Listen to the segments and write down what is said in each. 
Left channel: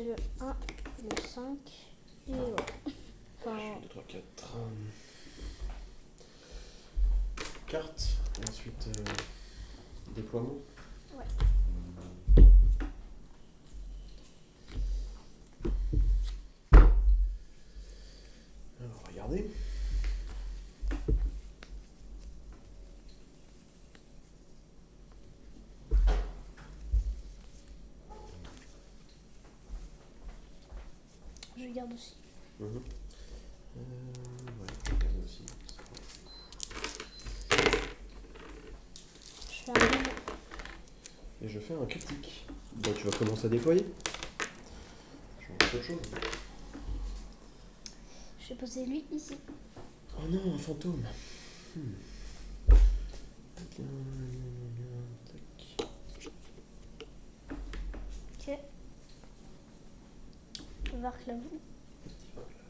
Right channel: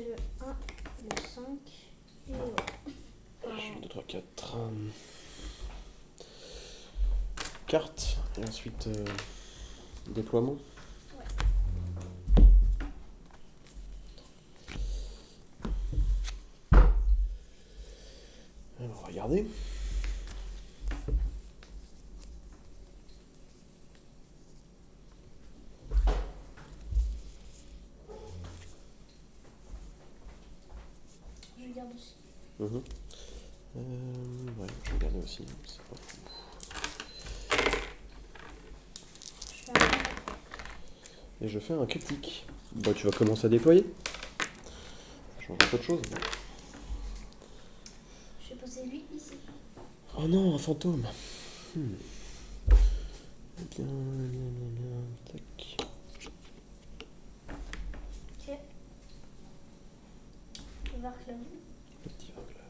j'ai le 1, le 5 et voilà. Enfin, 2, 3, 4. Carte, et ensuite déploiement. ouais. Alors, regardez. Je garde aussi. Ouais, je vais regarder aussi. Je fais un Et je fais un critique. Bah, tu vas commencer à déployer. Ça change un peu de choses. Je vais poser lui ici. Oh non, un fantôme. Bien, tac. Ok. Varclav. Petit Varclav.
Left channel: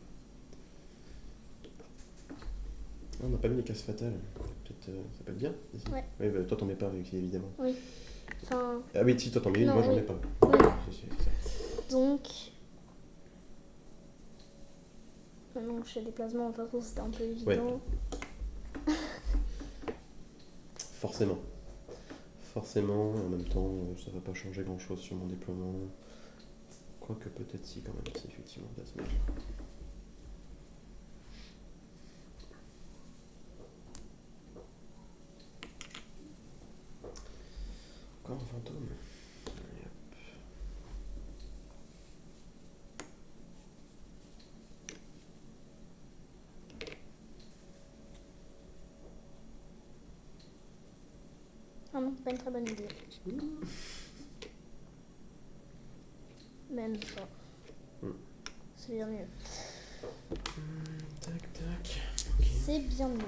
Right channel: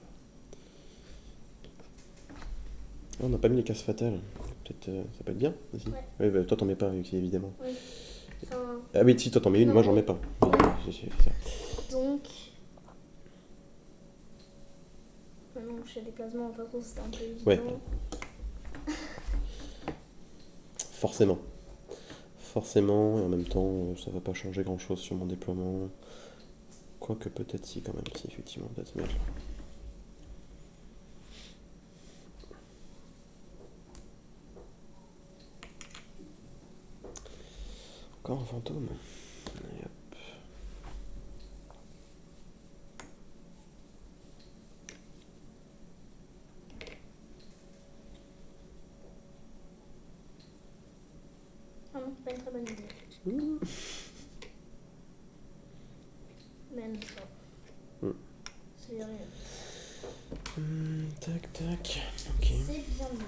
Ah, on n'a pas mis les cases fatales. Peut-être ça peut être bien aussi. Ouais. Oui, bah, toi t'en mets pas, évidemment. Oui. Enfin, Ah oui, si toi t'en mets une, non, moi j'en oui. mets pas. Oui. C'est ça. Donc. Non, je fais des placements, de toute façon c'était un peu évident. Ouais. Forcément. Forcément, et en même temps, ça va pas changer grand chose sur mon déploiement. Quoique peut-être si, quand même, si, effectivement, peut-être bien. Encore un fantôme. Et hop. Ah non, pas une très bonne idée. Même ça. C'est bien mieux. Tac, tac. Ok. C'est bien mieux.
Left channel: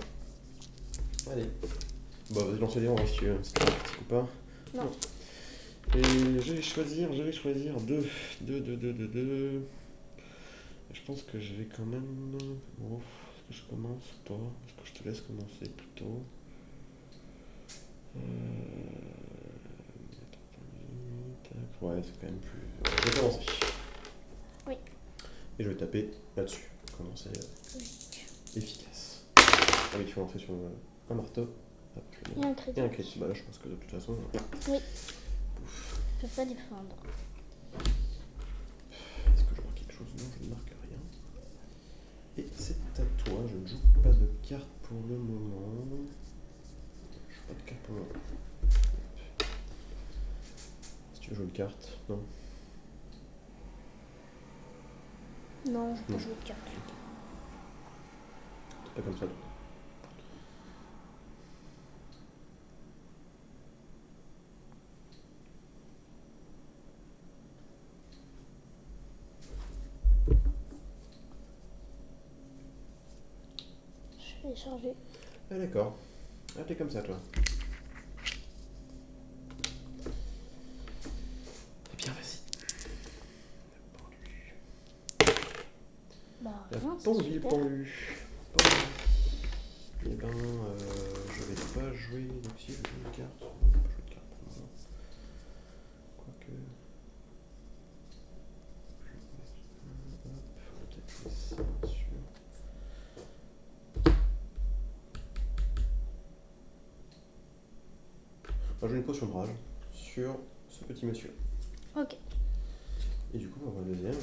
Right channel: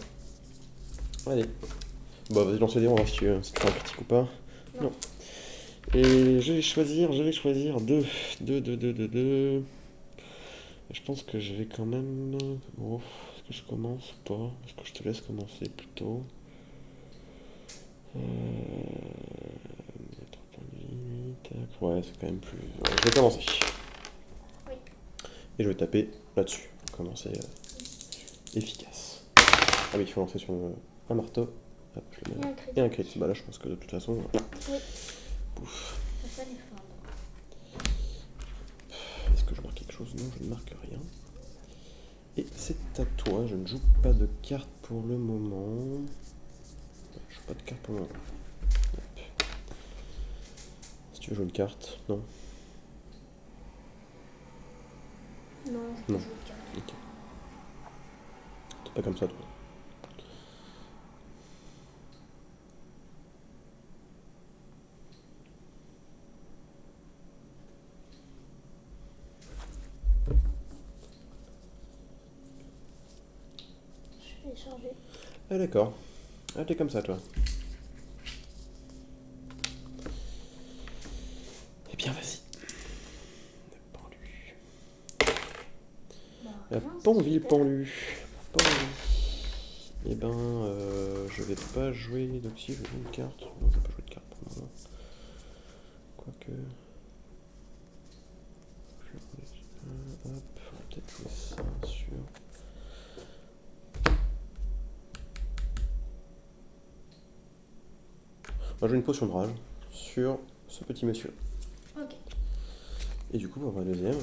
Allez. Bon, vas-y, lance les dés, on va voir si c'est un critique ou pas. Non. Et je vais choisir 2. 2. Je pense que je vais quand même... Oh, est-ce que je commence ou pas? Est-ce que je te laisse commencer plutôt? Tac, ouais, c'est quand même plus... Ouais, je vais commencer. Oui. Et je vais taper là-dessus. Commencer efficace. Ah oui, il faut lancer sur un marteau. Hop, je le mets. Et un critique. Et un critique. Bah là, je pense que de toute façon... Oui. Pouf. Je peux pas défendre. Est-ce que je marque quelque chose? Non, je ne marque rien. Et c'est à toi, je ne joue pas de carte pour le moment. Je joue pas de carte pour le moment. Hop. Si tu veux jouer une carte, non? Non, je peux Non. jouer de carte. Ok. T'es pas comme ça, toi. Je vais charger. Ah d'accord. Ah t'es comme ça, toi. Eh bien, vas-y. Bah, La rien, c'est Panville super. pendue. Eh ben, je vais pas jouer. Donc si, je vais jouer une carte. Non, je vais pas jouer de carte pour le moment. Quoique. Je vais mettre ça. Hop, on va peut-être jouer ça sur. On va jouer une potion de rage sur ce petit monsieur. Ok. Et du coup, on va voir le deuxième.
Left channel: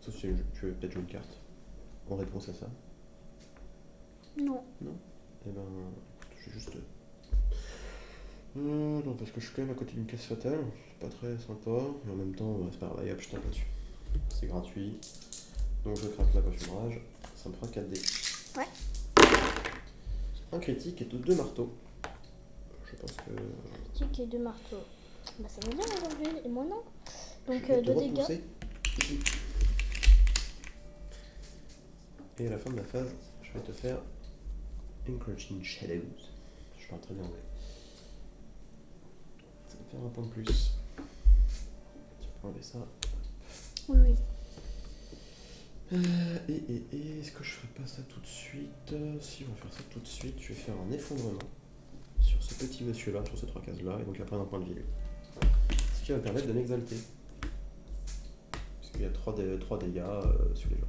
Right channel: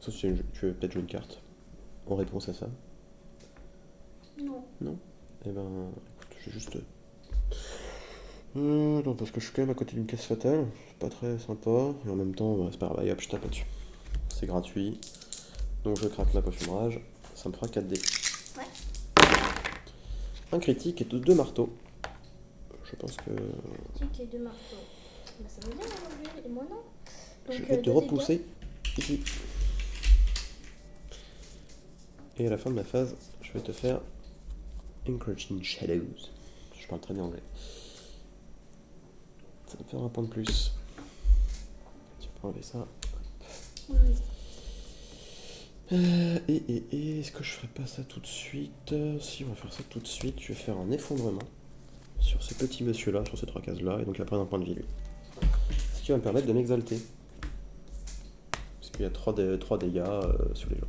Sauf si tu veux peut-être jouer une carte en réponse à ça. Non. Non? Eh ben, écoute, je vais juste. Non, parce que je suis quand même à côté d'une caisse fatale. C'est pas très sympa. Et en même temps, c'est pas grave. Allez hop, je tape là-dessus. C'est gratuit. Donc je craque la potion de rage. Ça me fera 4 dés. Ouais. Un critique et 2 marteaux. Je pense que. Critique et 2 marteaux. Bah, ça va bien aujourd'hui. Et moi, non. Je Donc, vais te 2 dégâts. repousser ici. Et à la fin de ma phase, je vais te faire Encroaching Shadows. Je parle très bien anglais. Ça va me faire un point de plus. Tu peux enlever ça. Oui, oui. Et est-ce que je ferais pas ça tout de suite? Si, on va faire ça tout de suite. Je vais faire un effondrement sur ce petit monsieur-là, sur ces 3 cases-là, et donc il va prendre un point de vie, lui. Ce qui va me permettre de m'exalter. Il y a 3 dégâts sur les gens.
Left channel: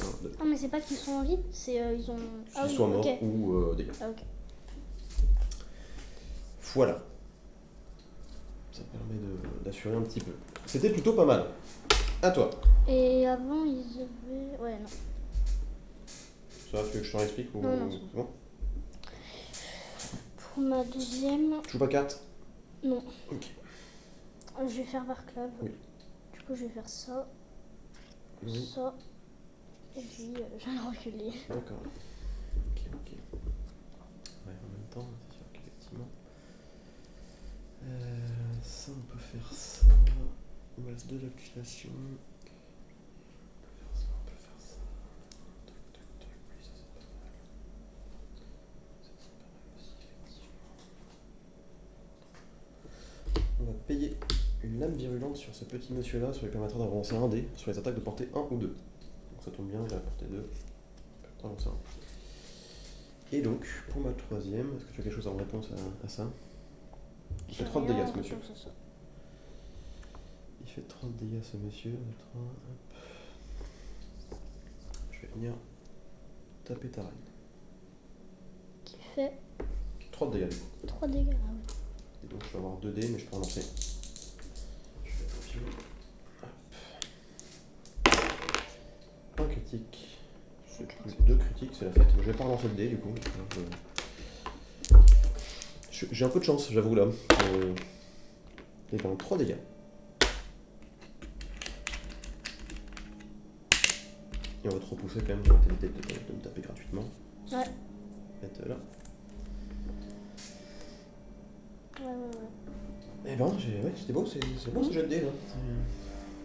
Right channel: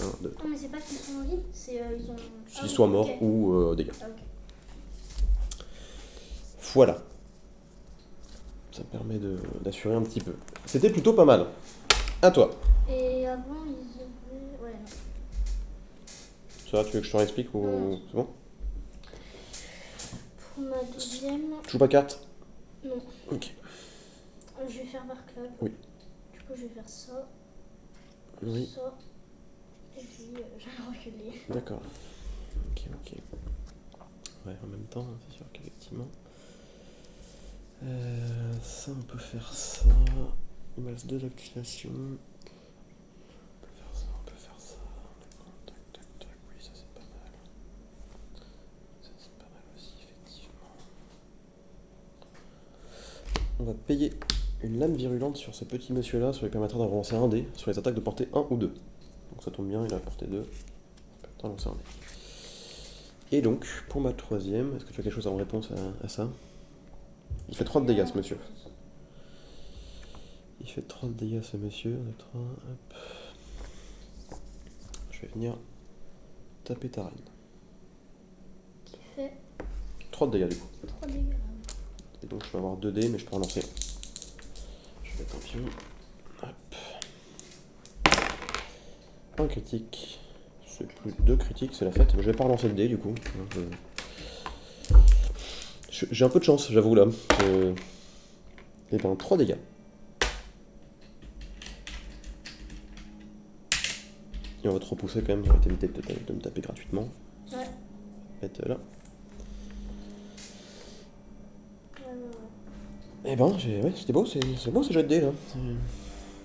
1, 2. Ah, mais c'est pas qu'ils sont en vie, c'est ils ont. Qu'ils soient morts ok. ou dégâts. Ah, ok. Voilà. Ça permet d'assurer un petit peu. C'était plutôt pas mal. À toi. Et avant, ils avaient. Ouais, non. Ça, tu veux que je te réexplique ou Non. c'est bon? Pour ma deuxième. Tu joues pas carte? Non. Ok. Je vais faire Varclav. Oui. Du coup, je vais faire ça. Oui. Ça. Et puis, je vais reculer. D'accord. Ok. Ouais, en même temps, c'est sûr qu'effectivement. Ça, on peut faire ça. Il me reste 2 activations. On peut faire ça. Tac. Oui, ça c'est pas mal. Ça c'est pas mal aussi, effectivement. On va payer une lame virulente sur ce petit monsieur-là, ça lui permettra d'en relancer un dé sur les attaques de portée 1 ou 2. Donc ça tombe bien, il a portée 2. On peut lancer un. Et donc, pour ma troisième, est-ce que tu as quelque chose en réponse à ça? Il fait 3 de dégâts, ce monsieur. Il fait 30 dégâts, ce monsieur. Hop. Je vais venir taper ta reine. Qui fait 3 de dégâts, du coup. 3 dégâts. Ah, oui. Et donc, je vais avoir 2 dés, mais je peux en lancer. Je vais mettre un pion. Hop. Un critique. C'est plus 2 critiques, c'est la fête. Je vais pas relancer le dé, du coup. J'ai un peu de chance, j'avoue, là. Et ben, 3 dégâts. Et on va te repousser quand même, ça va t'éviter de me taper gratuitement. Ouais. Mettre là. Ouais. Et ben, ouais, c'était beau, c'est beau ce jet de dés, là.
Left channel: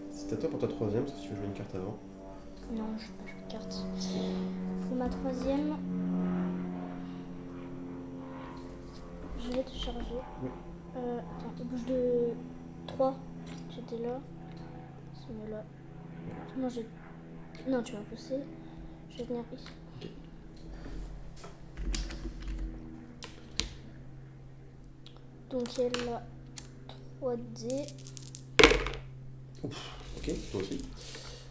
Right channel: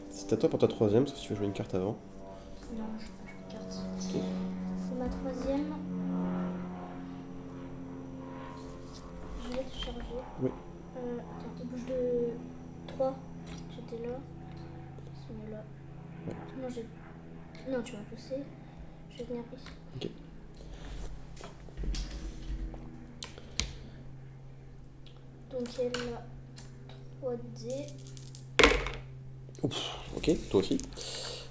C'est à toi pour ta troisième, sauf si tu veux jouer une carte avant. Non, je vais pas jouer de carte. Pour ma troisième, je vais te charger. Oui. Attends, bouge de 3. J'étais là. C'est mieux là. Ouais. Non, tu m'as poussé. Je vais venir ici. Ok. Donc elle a 3 dés. Ouf, ok, toi aussi.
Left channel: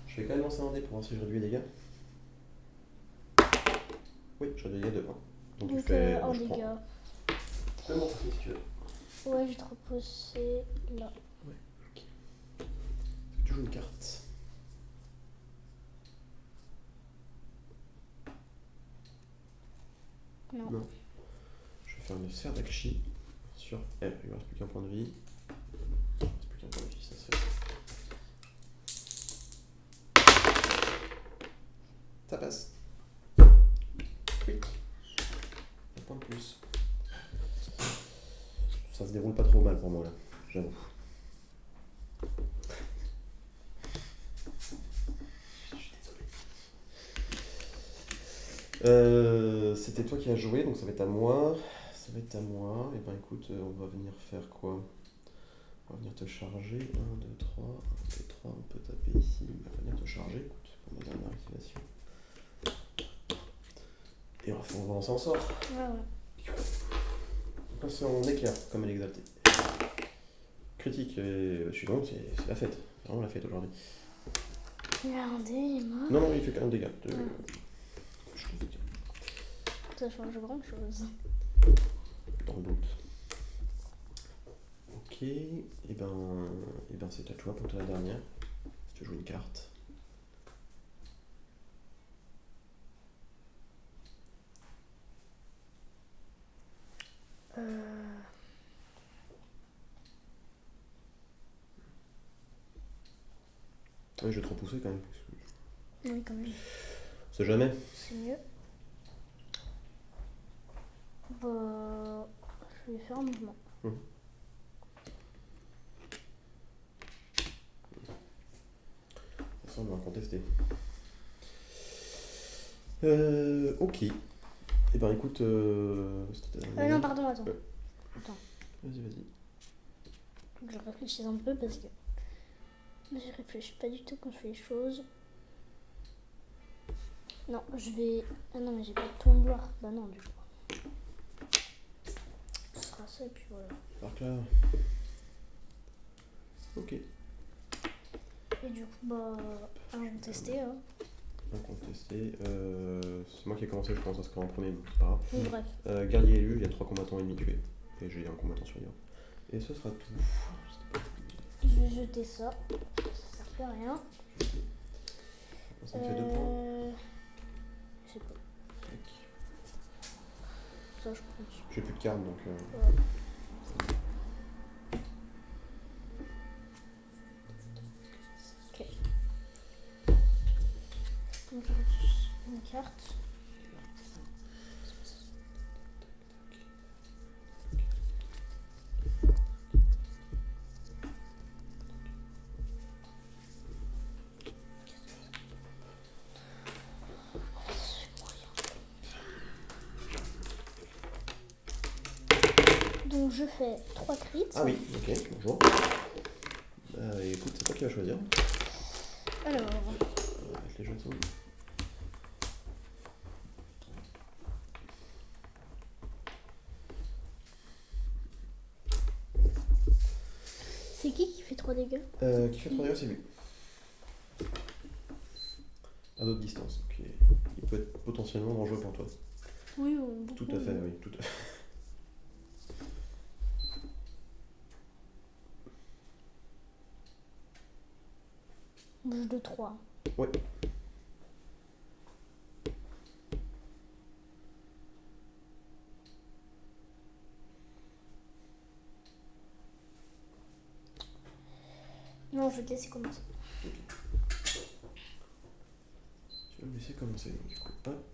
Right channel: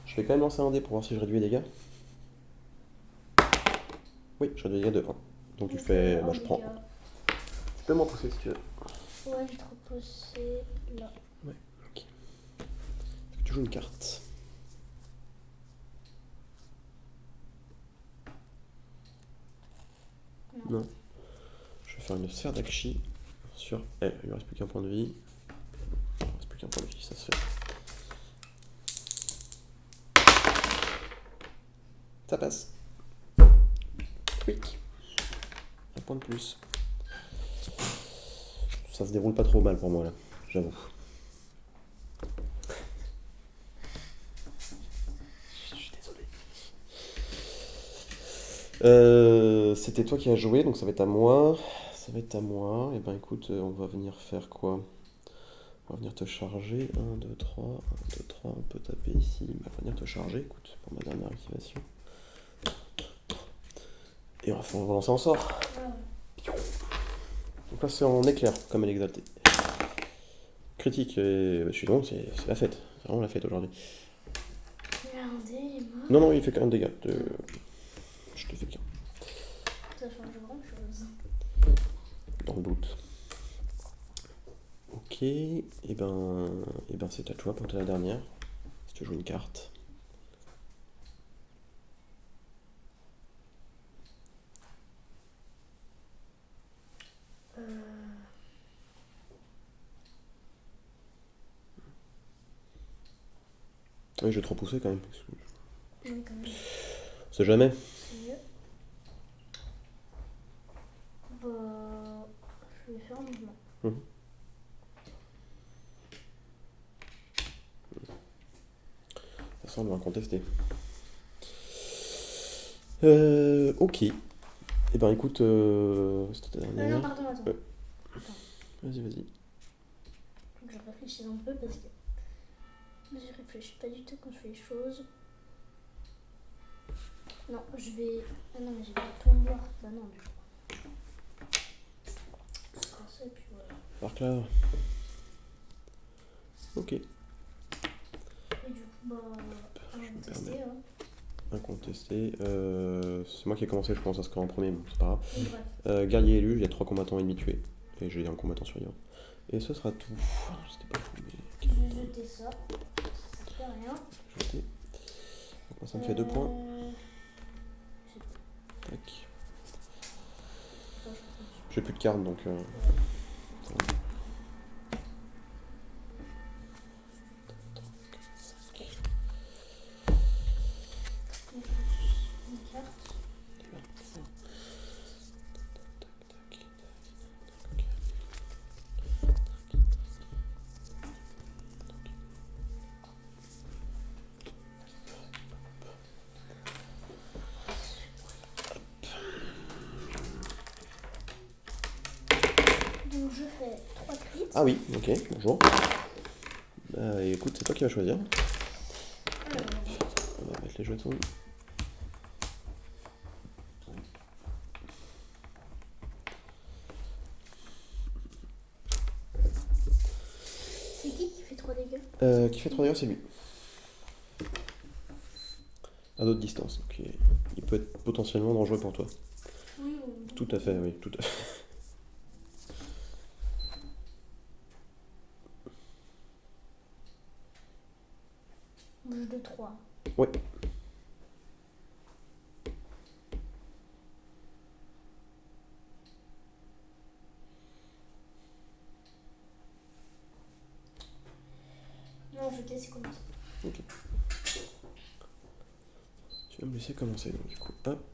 Je vais quand même lancer un dé pour voir si je réduis les dégâts. Oui, je réduis les dégâts de 1. Donc tu fais. un je prends. dégât. Tu peux m'en pousser si tu veux. Ouais, je vais te repousser là. Ouais, ok. Est-ce que tu joues une carte? Non. Je vais faire une sphère d'Akshi sur elle. Il lui reste plus qu'un point de vie. Il lui reste plus qu'un point de vie, ça se fait. Ça passe. Quick. Un point de plus. Ça se déroule pas trop mal pour moi là, j'avoue. Je suis désolé. C'était toi qui as joué, donc ça va être à moi. Et ben écoute, on va venir faire quoi? On va venir te charger. 1, 2, 3. 1, 2, 3. On peut taper ici. On va venir te charger, écoute, pour ma dernière activation. Et on va lancer en sort. Ouais. Donc là c'est en éclair, comme elle est exaltée. Critique, je suis donc, c'est la fête. C'est vraiment la fête aujourd'hui. Il a un dé, il est mort. Non, il fait quand même des dégâts. Je te fais qu'un. Ça change grand chose. Dans le doute. Ok, et ben c'est à toi pour la dernière. Si tu joues une carte. Oui, je vais te repousser quand même. Oui, quand même. C'est jamais. C'est mieux. Bah, je vais faire un mouvement. De toute façon, on va contester. Ok. Et ben écoute, c'était ta dernière. Non, pardon, attends. Attends, Vas-y. faut que je réfléchisse un peu parce que je réfléchis pas du tout quand je fais les choses. Non, je vais. Ah non, mais j'ai pas de tomboir. Bah non, du coup. Ce sera ça et puis voilà. Par là. Ok. Et du coup, bah, incontesté. Hein. Incontesté. C'est moi qui ai commencé, je pense, à score en premier, bon, c'est pas grave. Oui, bref. Guerrier élu, il y a 3 combattants ennemis tués. Et j'ai un combattant survivant. Et ce sera tout. C'était pas tout, mais Je vais jeter ça. Ça fait rien. jeté. Donc moi, ça me fait 2 points. Je sais pas. Tac. Ça, je prends. J'ai plus de cartes donc. Ouais. Ça va. Ok. Donc, une carte. Donc je fais 3 crits. Ah oui, ok, bonjour. Écoute, c'est toi qui vas choisir. Alors, On va mettre les jetons. c'est qui fait 3 dégâts? Qui fait 3 dégâts, c'est lui. À d'autres distances. Donc il peut être potentiellement dangereux pour toi. Oui, Tout à fait, oui, tout à fait. Bouge de 3. Ouais. Non, je te laisse commencer. Ok. Tu vas me laisser commencer donc du coup. Hop.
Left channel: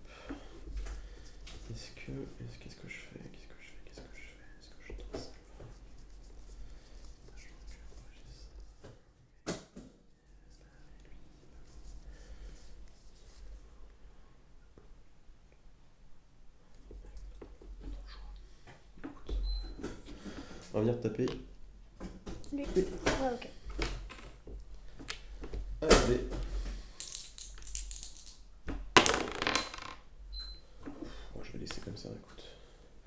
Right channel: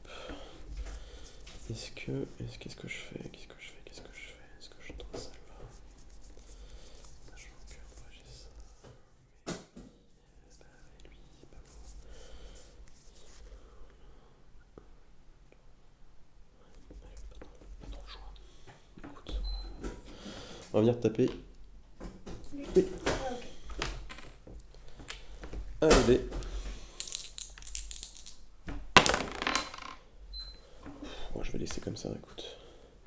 Qu'est-ce que je fais? Est-ce que je tente ça? Sachant que moi j'ai ça. Mais lui, pas trop le choix. Écoute, on va venir te taper. Lui. Oui. Ah, ok. Allez. Bon, je vais laisser comme ça, écoute.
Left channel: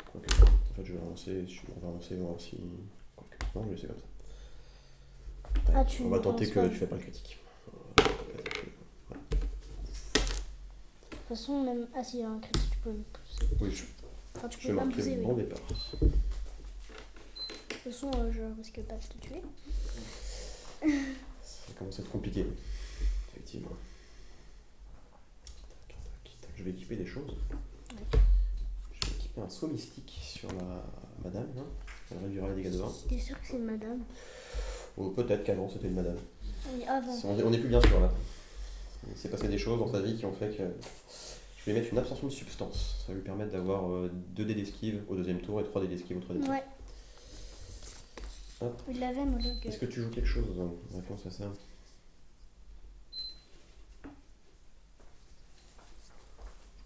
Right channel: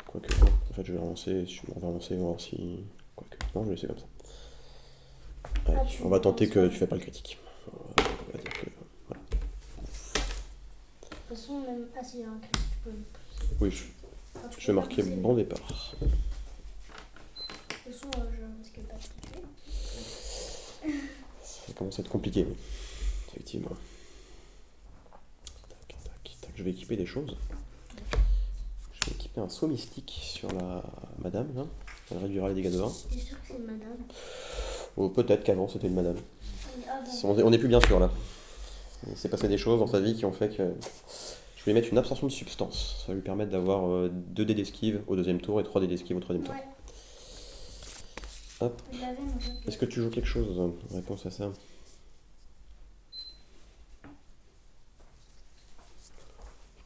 Quoique, non. En fait, je vais relancer. On va relancer, on va voir si. Quoique, non, je vais laisser comme ça. Allez, Ah, tu on va tenter relances que pas. tu fais pas le critique. On va dire que. Voilà. De toute façon, même. Ah, s'il y a un critique, tu peux me pousser. Oui, Enfin, tu je peux vais pas me marquer pousser, bon mais- départ. De toute façon, je risque pas de te tuer. Ça commence à être compliqué, effectivement. Tac, tac, tac. Je vais équiper des choses. Je vais équiper un saut mystique sur la madame, là. Elle réduira les dégâts de 1. T'es sûr que c'est une madame? Ou peut-être qu'avant c'était une madame. Oui, avant. On n'est plus bien sûr là. Il s'est passé des choses dans sa vie qui ont fait que. Je vais mettre une absorption de substance. Ça va lui permettre d'avoir 2 dés d'esquive au 2e tour et 3 dés d'esquive au 3e tour. Ouais. Hop. Je l'avais, moi, donc. Est-ce que tu joues quelque chose en réponse à ça?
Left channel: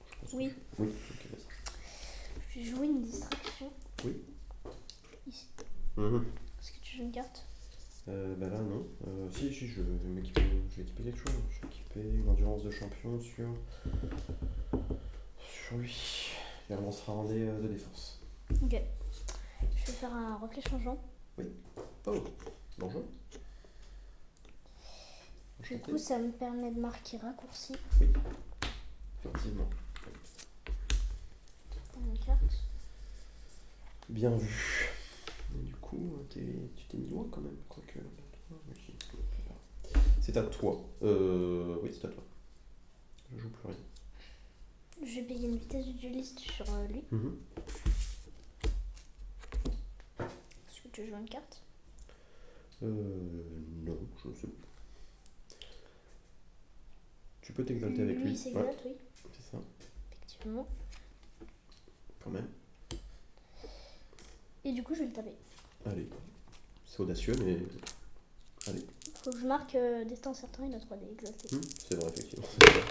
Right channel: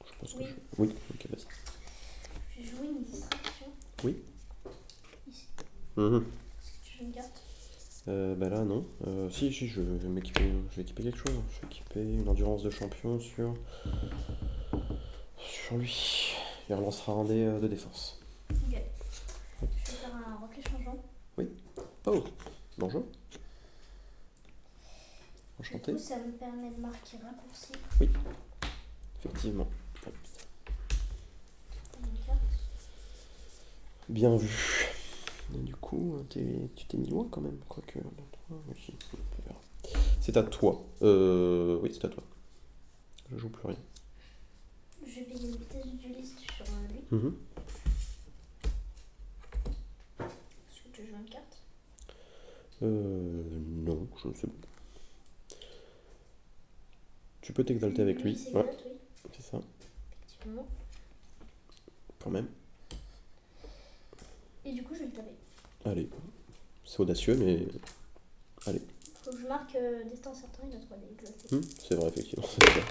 Je pense que Oui. Oui, ok, vas-y. Je vais jouer une distraction. Oui. Ici. Mhm. Est-ce que tu joues une carte? Bah là non. Si, je vais m'équiper. Je vais équiper quelque chose. Je vais équiper une endurance de champion sur lui. Il relancera un dé de défense. Ok. Je vais faire un reflet changeant. Oh, bonjour. Du Enchanté. coup, ça me permet de marquer raccourci Effectivement. dans ma carte. Bien vu. Et du coup, tu t'es mis loin quand même, quoique. Oui, on verra. C'est à toi. Oui, c'est à toi. Je joue plus rien. Je vais payer une vitesse du dueliste sur lui. Mhm. Est-ce que tu joues une carte? Non, je ne sais pas. Tu peux t'exalter avec lui. C'est Ouais, exact, oui, c'est ça, effectivement. quand même. Et du coup, je vais le taper. Allez. C'est audacieux, mais. Allez. Faut que je marque destin certain, il a 3D exalté. C'est vrai, effectivement. C'est vrai.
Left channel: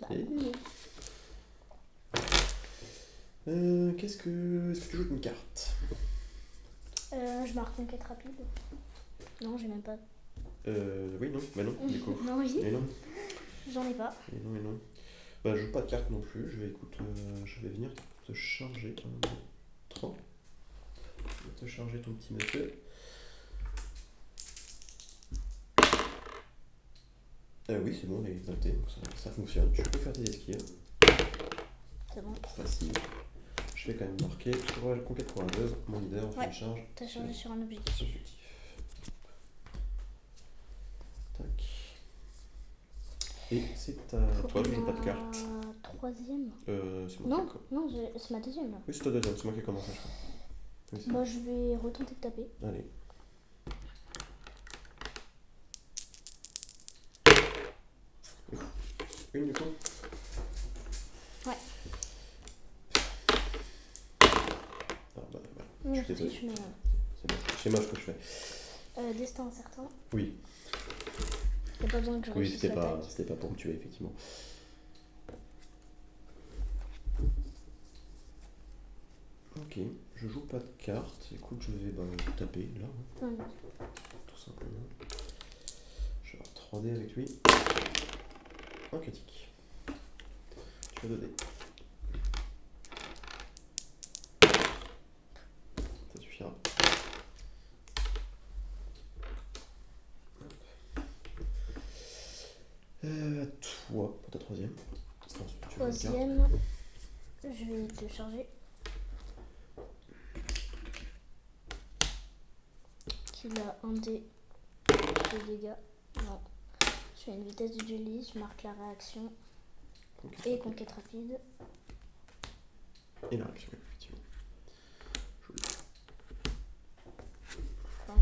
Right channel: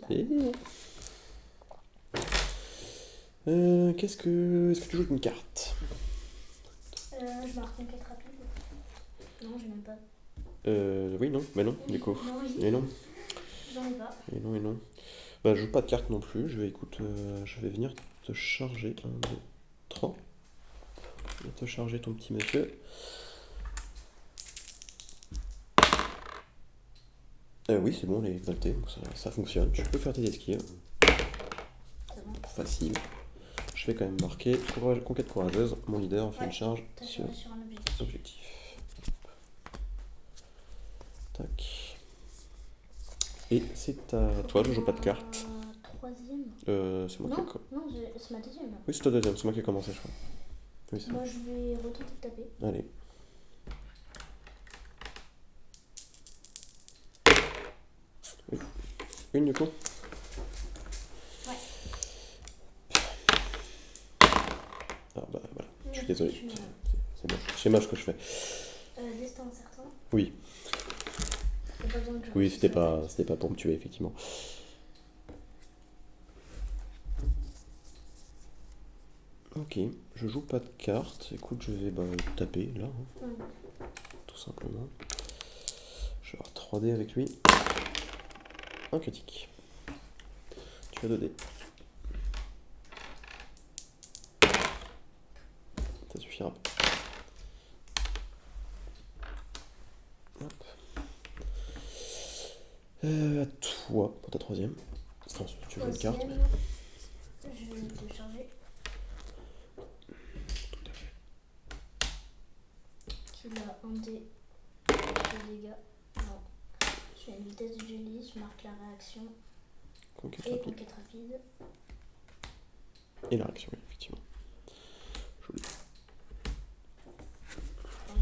Bah. Et... Est-ce que tu joues une carte? Je marque une quête rapide. Non, j'ai même pas. Oui, non, mais non, du coup. Non, oui, Et non, j'en ai pas. et non, et non. Bah, je joue pas de carte non plus. Je vais venir te charger. 1, 2, 3. Je vais te charger ton petit monsieur. Oui, c'est bon, elle est exaltée, donc ça fonctionne. Tu peux faire tes esquives, C'est bon. facile. Je vais quand même marquer conquête courageuse. Mon leader fait Ouais, une charge t'as sur changé sur un objectif. objectif. Tac. Et c'est à toi, je joue pas de carte. Troisième. C'est moi Non, qui ai... non, c'est ma deuxième là. Oui, c'est ta deuxième, c'est moi qui ai commencé, je crois. Oui, c'est Moi je vais retenter de taper. Allez. Oui. Une du coup. Ouais. Ah bah voilà, je suis désolé. Je mets, C'est moche ce que je fais. destin incertain. Oui, Y'a pas besoin que je oui, réussisse l'attaque. c'était pas pour me tuer, effectivement. Ok, je joue pas de cartes. Écoute, je vais taper là, hein, Ouais. tout simplement. Je vais avoir 3 dés avec lui. Un critique. Tu as 2 dés. Ça suffira. Hop. À toi pour ta troisième. Enfin, tu veux une carte. Troisième, je vais te charger. Qu'il a un dé de dégâts. Non. Je fais une vitesse de jelly, je marque la réaction Conquête et rapide. conquête rapide. Et la réaction, effectivement. Joli. Enfin,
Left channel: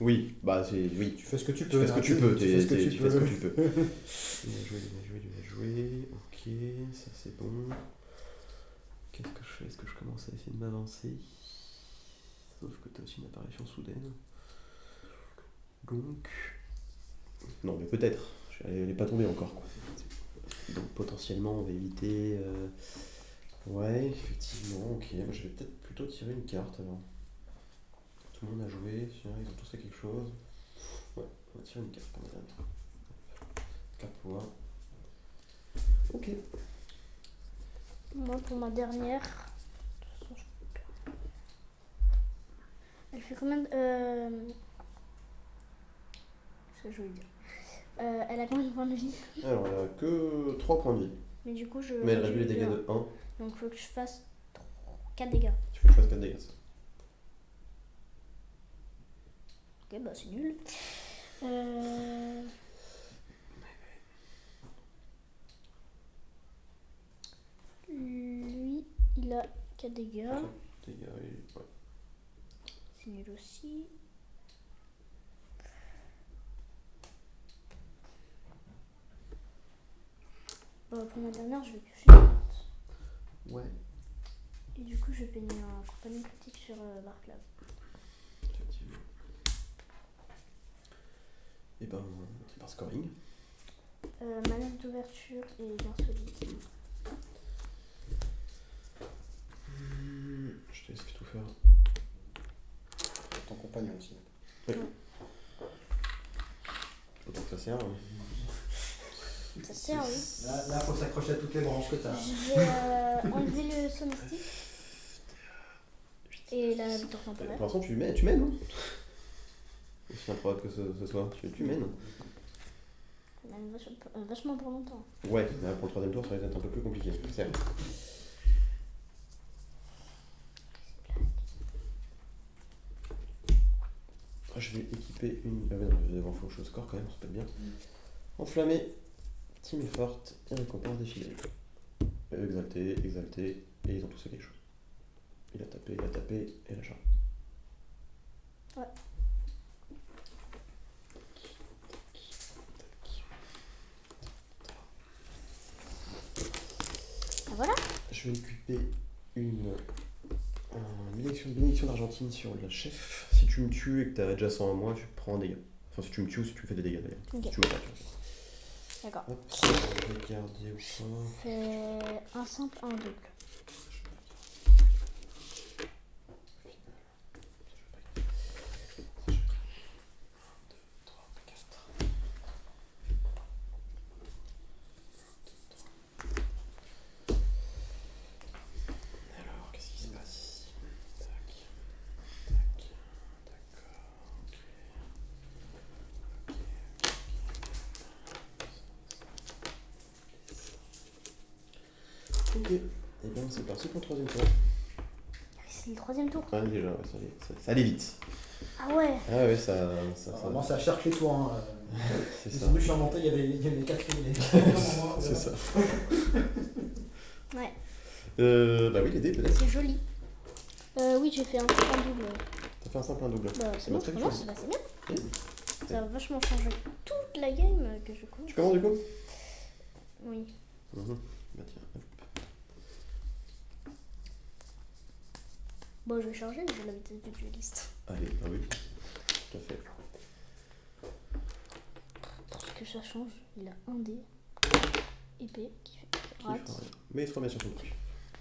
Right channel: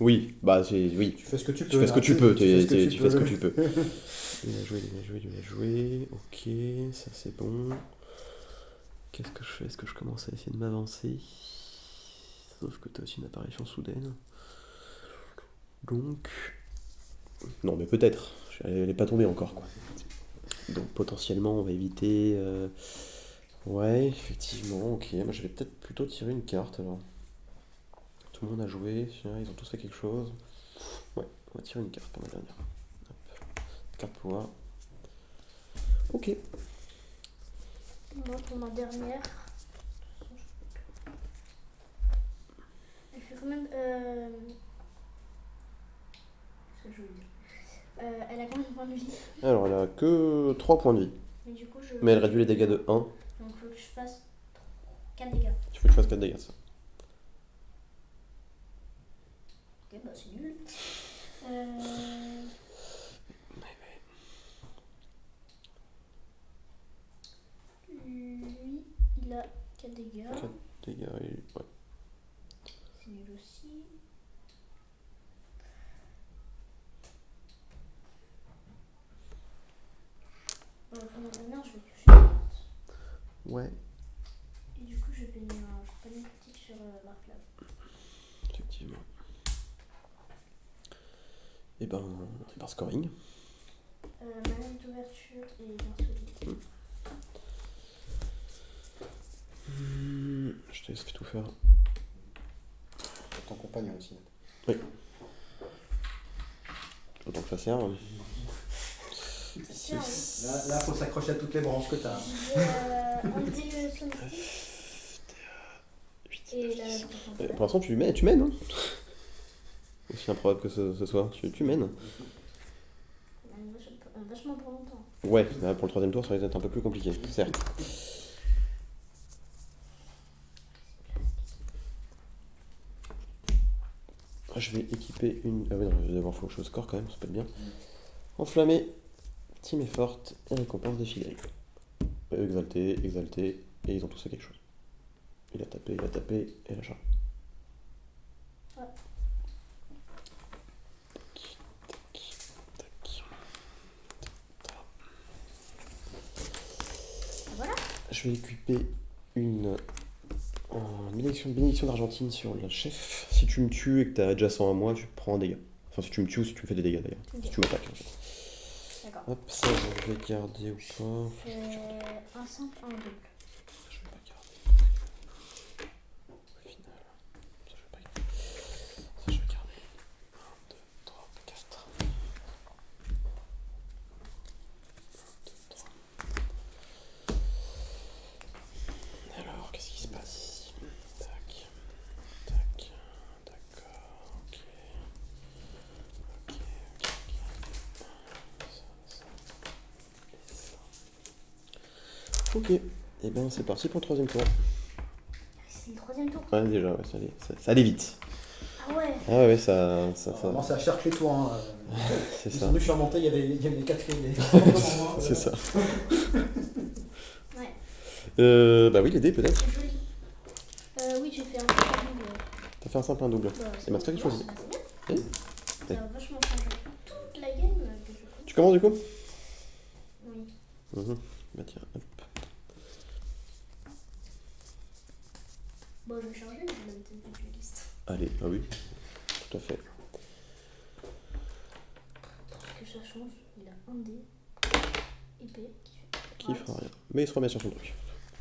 Oui, bah c'est. Oui, Tu fais ce que tu tu peux. fais ce que là, tu peux. Tu fais ce que peux. tu peux. Bien joué, bien joué, bien joué. Ok, ça c'est bon. Qu'est-ce que je fais? Est-ce que je commence à essayer de m'avancer? Sauf que t'as aussi une apparition soudaine. Donc. Non, mais peut-être. Elle est pas tombée encore, quoi. Donc potentiellement, on va éviter. Ouais, effectivement, ok. Moi, je vais peut-être plutôt tirer une carte alors. Tout le monde a joué, tiens, ils ont tous fait quelque chose. Ouais, on va tirer une carte pour la dernière. Hop. Carte pouvoir. Ok. moi pour ma dernière. Elle fait combien de. Qu'est-ce que je voulais dire elle a combien de points de vie? Alors, elle a que 3 points de vie. Mais du coup, je. Mais elle réduit les dégâts de 1. Donc il faut que je fasse 4 dégâts. Tu faut que tu fasses 4 dégâts, ça. Ok, bah c'est nul. Lui, il a 4 dégâts. 4 dégâts, et... ouais. C'est nul aussi. Pour ma dernière, je vais piocher une carte. Ouais, Et du coup, je vais payer un compagnon critique sur Barclay. effectivement. Et ben, par scoring. Manœuvre d'ouverture et bien solide. Je te laisse tout faire. Ton compagnon aussi. Autant que ça sert. Ça sert, oui. Là, faut s'accrocher à toutes les branches que t'as. Je vais enlever le sonistique. Et la victoire Pour temporaire. l'instant, tu mènes, hein. Aussi improbable que ce soit, tu mènes. Vachement pour longtemps. Ouais, là, pour le troisième tour, ça risque d'être un peu plus compliqué, certes. Je vais équiper une... Ah ouais, non, je vais devoir faire autre chose score quand même, ça peut être bien. Enflammé, team est forte, et récompense des fidèles. Exalté, exalté, et ils ont tous fait quelque chose. Il a tapé, et la charge. Ouais. Ah, voilà. Je vais équiper une bénédiction d'Argentine sur le chef. Si tu me tues et que t'as déjà 100 à moi, tu prends un dégât. Enfin, si tu me tues ou si tu me fais des dégâts d'ailleurs. Ok. Si tu m'attaques. En fait. D'accord. Hop, ça, je vais garder ou pas. Fait un simple, un double. Je vais pas garder. Au final, ça, je vais pas garder. Ça, je vais garder. 1, 2, 3, 4. 1, 2, 3. Alors, qu'est-ce qui se passe ici? Tac. Tac. D'accord. Ok. Ok. Ok. Et bien c'est parti pour le troisième tour. C'est le troisième tour. Ouais, déjà, ouais, ça allait vite. Ah ouais. Ah ouais, ça. Vraiment, c'est à chercher les tours. Hein. C'est Ils ça. sont venus, je suis remonté, il y avait les quatrièmes. C'est ça. Ouais, Bah oui, les dés peut-être. c'est joli. Oui, j'ai fait un petit double. T'as fait un simple, un double. Bah, C'est ma très bon, chose. c'est bien. Oui. Ça va vachement changer toute la game que je connais. Tu commences du coup? Oui. Bah tiens, hop. Bon, je vais changer, j'ai la vitesse du dueliste. Allez, ah oui, tout à fait. Parce que ça change, il a un dé épée qui fait Qui rate. fera rien. Mais il se remet sur son truc.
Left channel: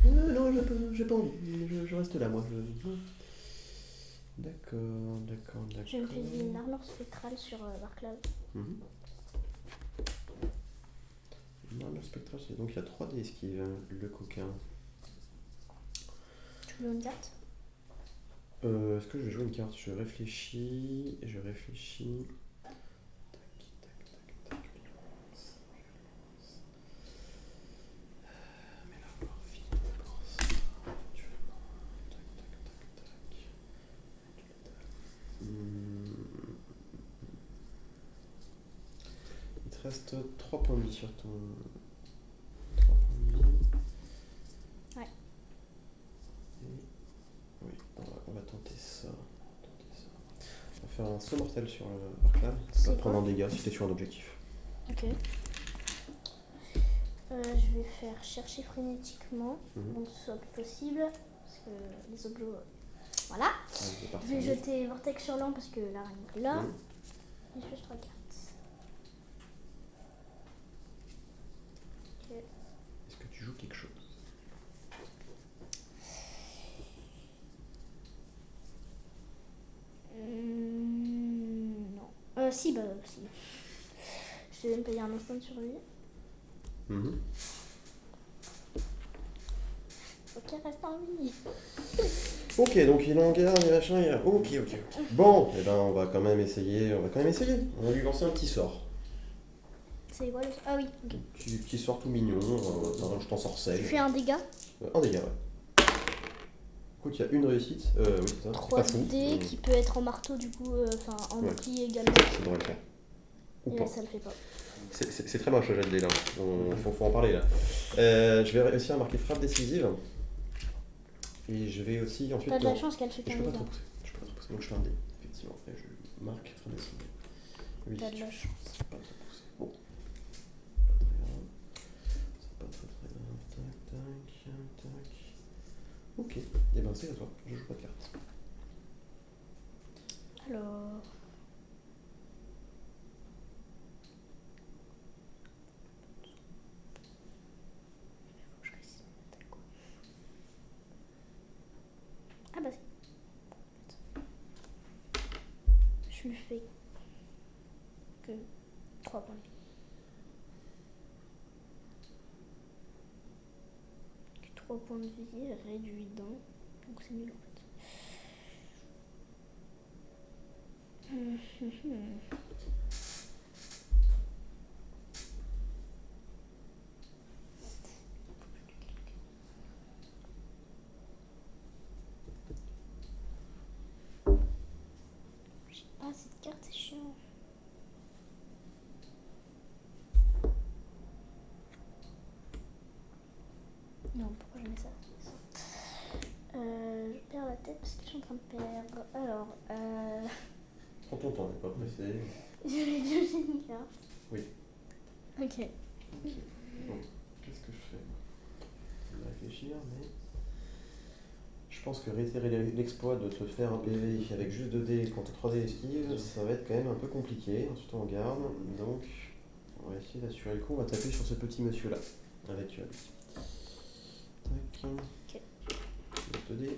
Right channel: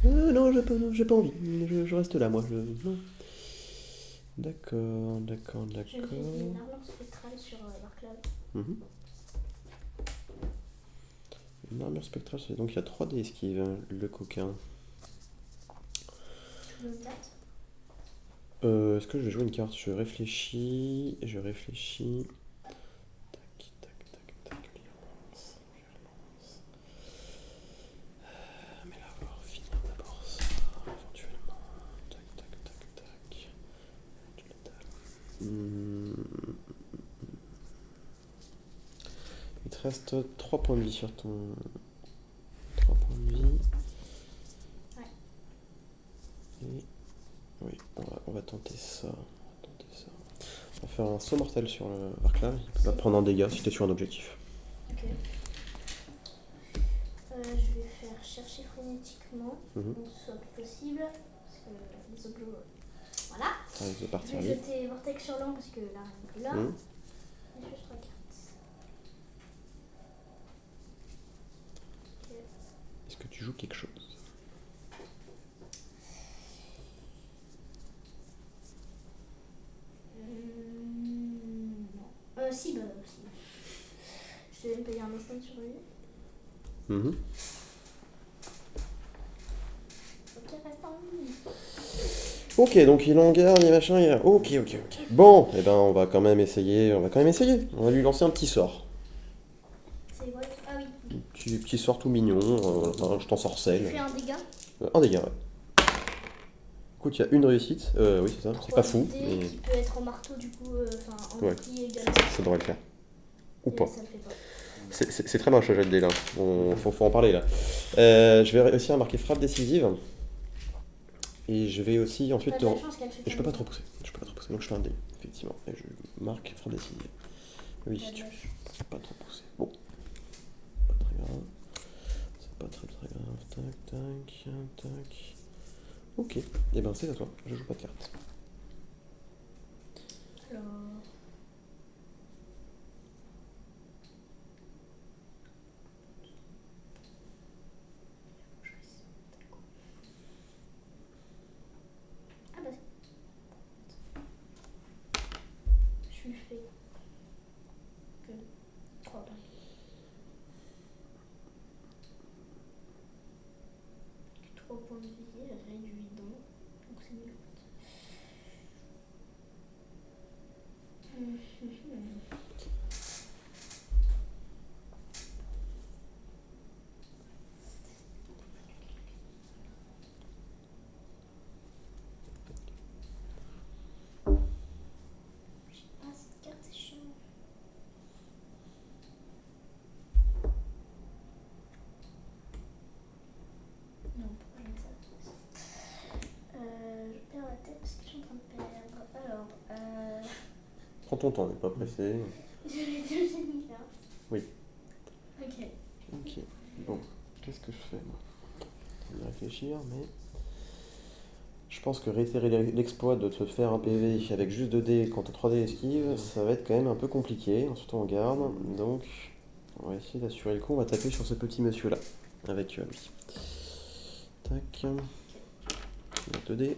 Non, j'ai pas envie. Je reste là, moi. Non. D'accord. Je me fais une armure spectrale sur Warcloud. Mhm. Une armure spectrale, donc il y a 3 dés esquives, hein, le coquin. Tu veux une carte? Est-ce que je vais jouer une carte? Je réfléchis. Tac. Violence. Mais là, on va finir d'abord ça, éventuellement. Tac. Du létal. Il te reste 3 points de vie sur ton... 3 points de vie. Ouais. Et... Oui, on va tenter ça. On va faire un saut mortel sur le Warclave. Il va prendre un dégât si t'es sur un objectif. Ok. Je vais faire chercher frénétiquement, donc ce soit plus possible, parce que les objets... Voilà. Ah, il est parti. Je vais jeter Vortex sur l'an parce que la reine est là. Et je fais 3 cartes. Ok. Est-ce que tu joues quelque chose? Non. Si. Je vais me payer un instant sur lui. Ok, reste en vie. Ok, donc il en garde, il machin, il a... Ok. Bon, et ben on va quand même essayer. On va lui lancer un petit sort. C'est quoi? Ah oui. Ok. Petit sort tout mignon, je t'en Tu sorcelle. fais un dégât. Un dégât, ouais. Écoute, il y a une réussite. Oui, c'est ça. C'est 3 pas fou. dés mais qui peut être en marteau du coup, enfin en Ouais. bouclier également. ça devrait le faire. Ou Et pas. là, ça le fait pas. C'est très moche le jet de dés là. Faut en parler là. Je vais réussir à marquer frappe décisive. Et je vais aussi ensuite. T'as de la chance qu'elle fait Et pas je peux pas dégâts. trop pousser. Donc je fais un dé, effectivement. Et je marque frappe décisive. Oui, T'as de tu la chance. peux pas trop pousser. Bon. Pas très grave. C'est pas très grave. Tac. Ok. Et ben c'est à toi. Je joue pas de carte. Alors. Ah bah je lui fais que 3 points. 3 points de vie réduit d'un. Donc c'est nul en fait. Ah, cette carte est chiant. Non, pourquoi je mets ça? Je perds la tête parce que je suis en train de perdre. Alors, Prends ton temps, n'est pas pressé. je vais piocher une carte. Oui. Ok. Ok. Bon, qu'est-ce que je fais moi? Je vais réfléchir, mais. Je pense que réitérer l'exploit de te faire un PV avec juste 2 dés quand t'as 3 dés esquive, ça va être quand même un peu compliqué, surtout en garde. Donc, on va essayer d'assurer le coup. On va taper sur ce petit monsieur là, avec lui. Tac. 2 dés.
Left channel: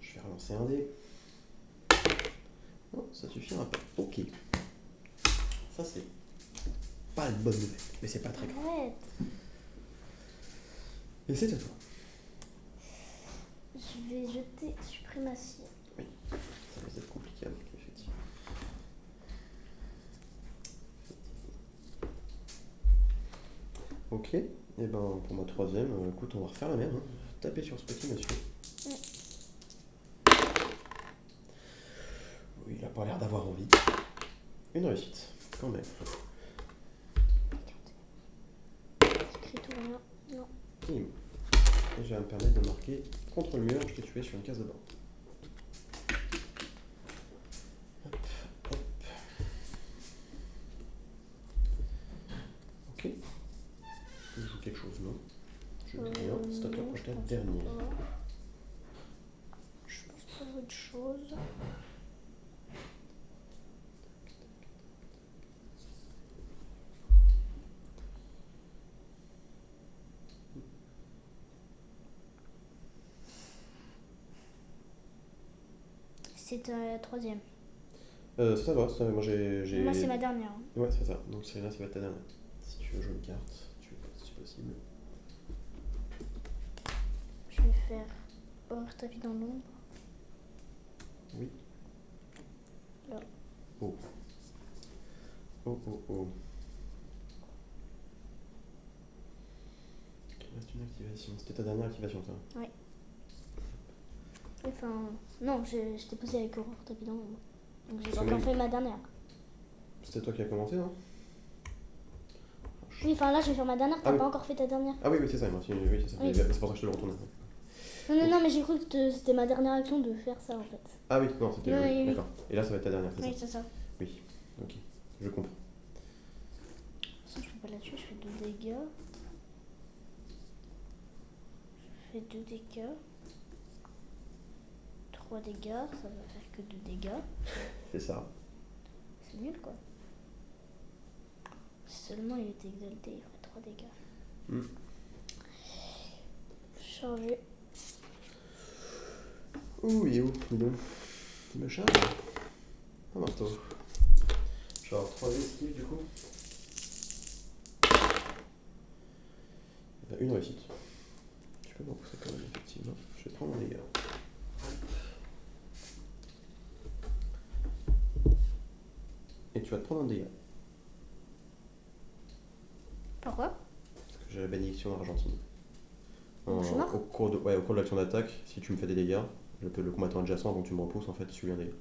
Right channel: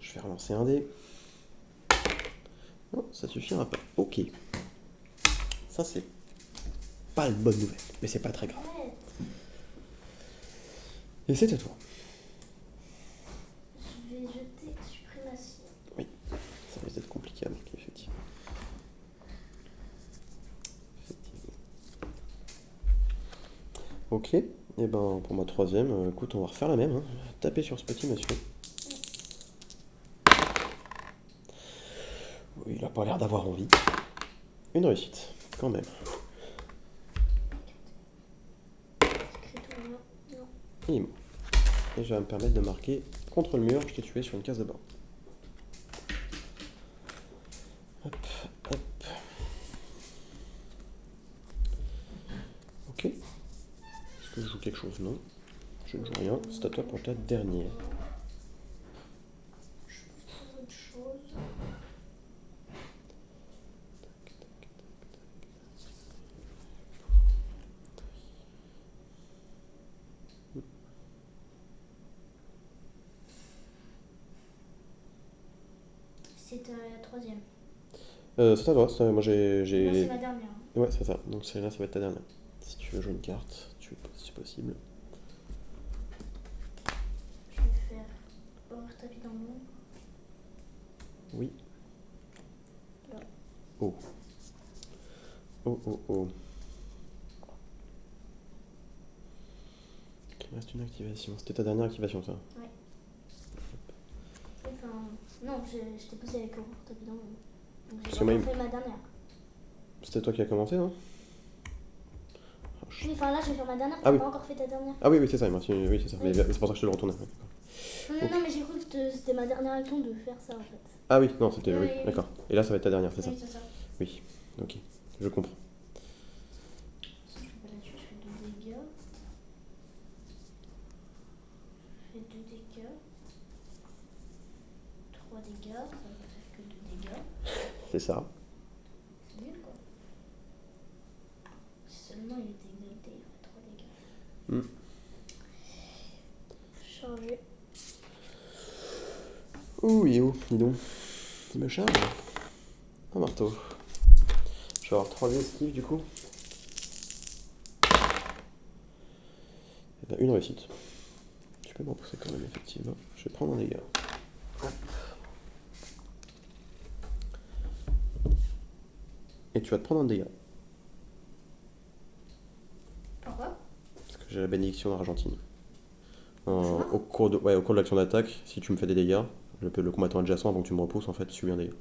Je vais relancer un dé. Non, ça suffira pas. Ok. Ça, c'est pas une bonne nouvelle, mais c'est pas très grave. Arrête. Et c'est à toi. Je vais jeter suprématie. Ça risque d'être compliqué à marquer, effectivement. Ok, et ben pour ma troisième, écoute, on va refaire la même. Hein. Taper sur ce petit monsieur. Oui, il a pas l'air d'avoir envie. Une réussite, quand même. Écrit tout rien. Non. Il est mort. Et je vais me permettre de marquer contre le mur, je t'ai tué sur une case de bord. Hop, hop. Ok. Est-ce que je joue quelque chose? Non. Je ne joue rien. C'est à toi pour ta dernière. Je pense pas autre chose. C'est la troisième. C'est à toi, moi j'ai... Moi, c'est ma dernière. Ouais, c'est ça. Donc celle-là, ça va être ta dernière. Si tu veux jouer une carte, si possible. Je vais faire horreur tapis dans l'ombre. Oui. Là. Oh. Oh, oh, oh. Il reste une activation. C'était ta dernière activation, ça? Enfin, non, je t'ai posé avec horreur tapis dans l'ombre. Donc j'ai Parce que encore même- fait ma dernière. C'était toi qui as commencé, non? Oui, enfin là, je vais faire ma dernière. Ah T'as oui. pas encore fait ta dernière. Ah oui, oui, c'est ça, oui, c'est ça. Oui. C'est pour ça que je te le retournais. Non, mais j'ai cru que c'était ma dernière action de faire ça en fait. Ah oui, non, c'était... Oui, Oui, oui, oui. d'accord. Et là, ça va être ta dernière, c'est ça? Oui, c'est ça. Oui, ok. Je comprends. Ça, je peux pas la tuer, je fais 2 dégâts. Je fais 2 dégâts. 3 dégâts, ça va faire que 2 dégâts. C'est ça. C'est nul quoi. Si seulement il était exalté, il ferait 3 dégâts. Hmm. Chargé. Ouh, il est où? Dis donc. Il me charge. Un marteau. Je vais avoir 3 esquives du coup. Eh ben, une réussite. Tu peux m'en pousser quand même, effectivement. Je vais prendre un dégât. Et tu vas te prendre un dégât. Pourquoi? Parce que j'ai la bénédiction argentine. Bonjour. Au cours de l'action d'attaque, si tu me fais des dégâts, le combattant adjacent, avant que tu me repousses, en fait, subit un dégât.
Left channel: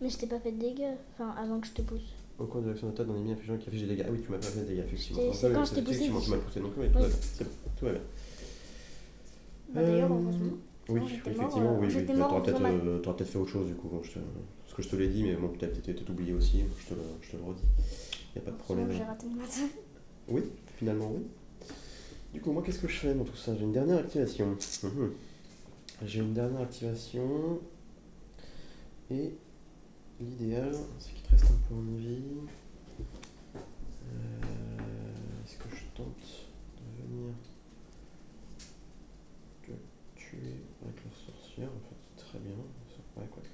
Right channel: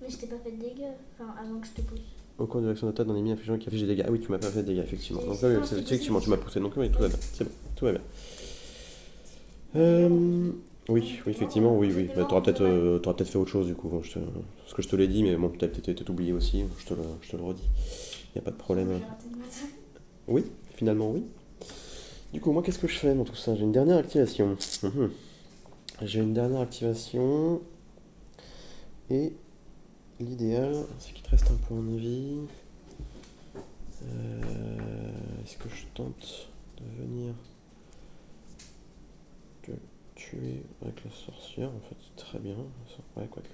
Mais je t'ai pas fait de dégâts. Enfin, avant que je te pousse. Au cours de l'action d'attaque d'un ennemi infligeant qui affiche des dégâts. Ah oui, tu m'as pas fait de dégâts, effectivement. C'est- Donc c'est là, quand je t'ai effectivement, poussé. tu m'as poussé. Donc oui, tout va bien. C'est bon, tout va bien. D'ailleurs, Oui, j'étais oui, effectivement, mort, oui, oui. j'étais Mais mort t'auras en faisant peut-être fait autre chose, du coup. Parce que je te l'ai dit, mais bon, peut-être peut-être oublié aussi. Je te le redis. Il n'y a pas de problème. J'ai raté le matin. Oui, finalement, oui. Du coup, moi, qu'est-ce que je fais dans tout ça? J'ai une dernière activation. J'ai une dernière activation. Et l'idéal, c'est qu'il te reste un point de vie. Est-ce que je tente de venir te tuer avec la sorcière? En fait, très bien. Ouais, quoique,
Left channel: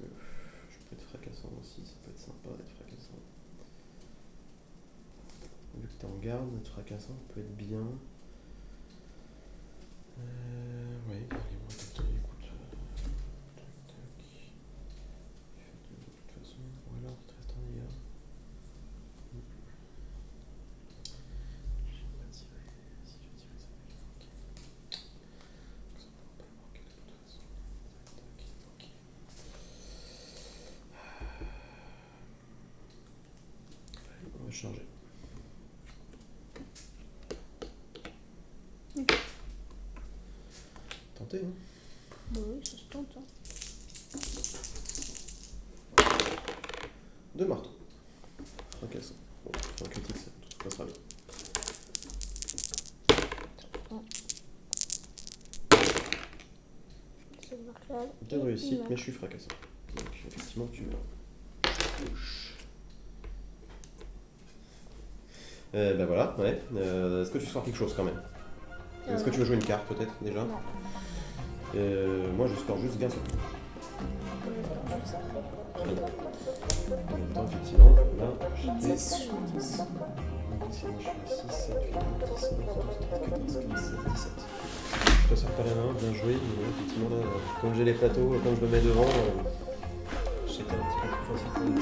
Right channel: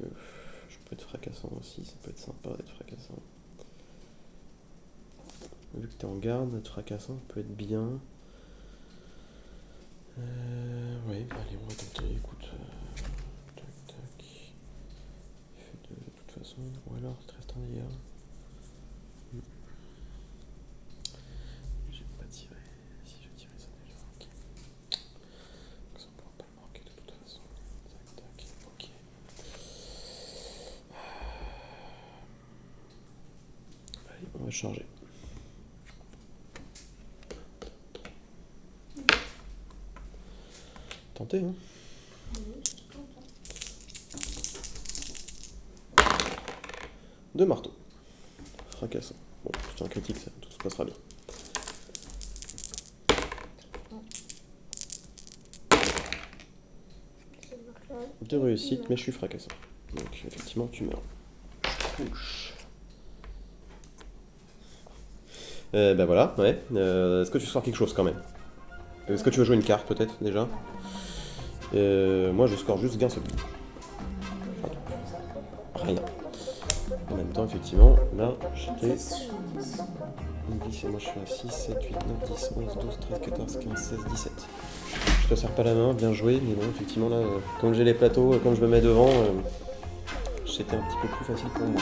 je peux être fracassant aussi. Ça peut être sympa d'être fracassant. Vu que t'es en garde, être fracassant peut être bien. Ouais, allez, on va tenter, écoute. Tac, tac. Il fait 2 de toute façon. Ou alors, il te reste un dégât. J'ai pas tiré. Si je tirais, ça allait le marquer. Donc ça pourra pas le marquer de toute façon. Tac, tac, ok. Allez, on va charger. Tenter, hein. Bah oui, ça se tente. Hein. 2 marteaux. Fracassant. Bon, c'est un critique, ça, tout se passera bien. Ça marque là. 2 réussites, mais je suis fracassant. Donc, effectivement, tu meurs. Ouch. Ben voilà, ouais. Est-ce que tu sors quelque chose quand même? Est-ce que tu veux jouer une carte peut-être déjà? Moi je score juste gain seul. Rien. En même temps, effectivement, là, j'étais 10 et moi je suis à 6, 7, 8, 9, 10, 11, 12, 13, 14, 15, 16, 17. Je te serre pas la main, bien joué, mais bon, effectivement, là, quand j'ai les plateaux, quand je me mets devant, c'était un petit peu plus facile pour moi.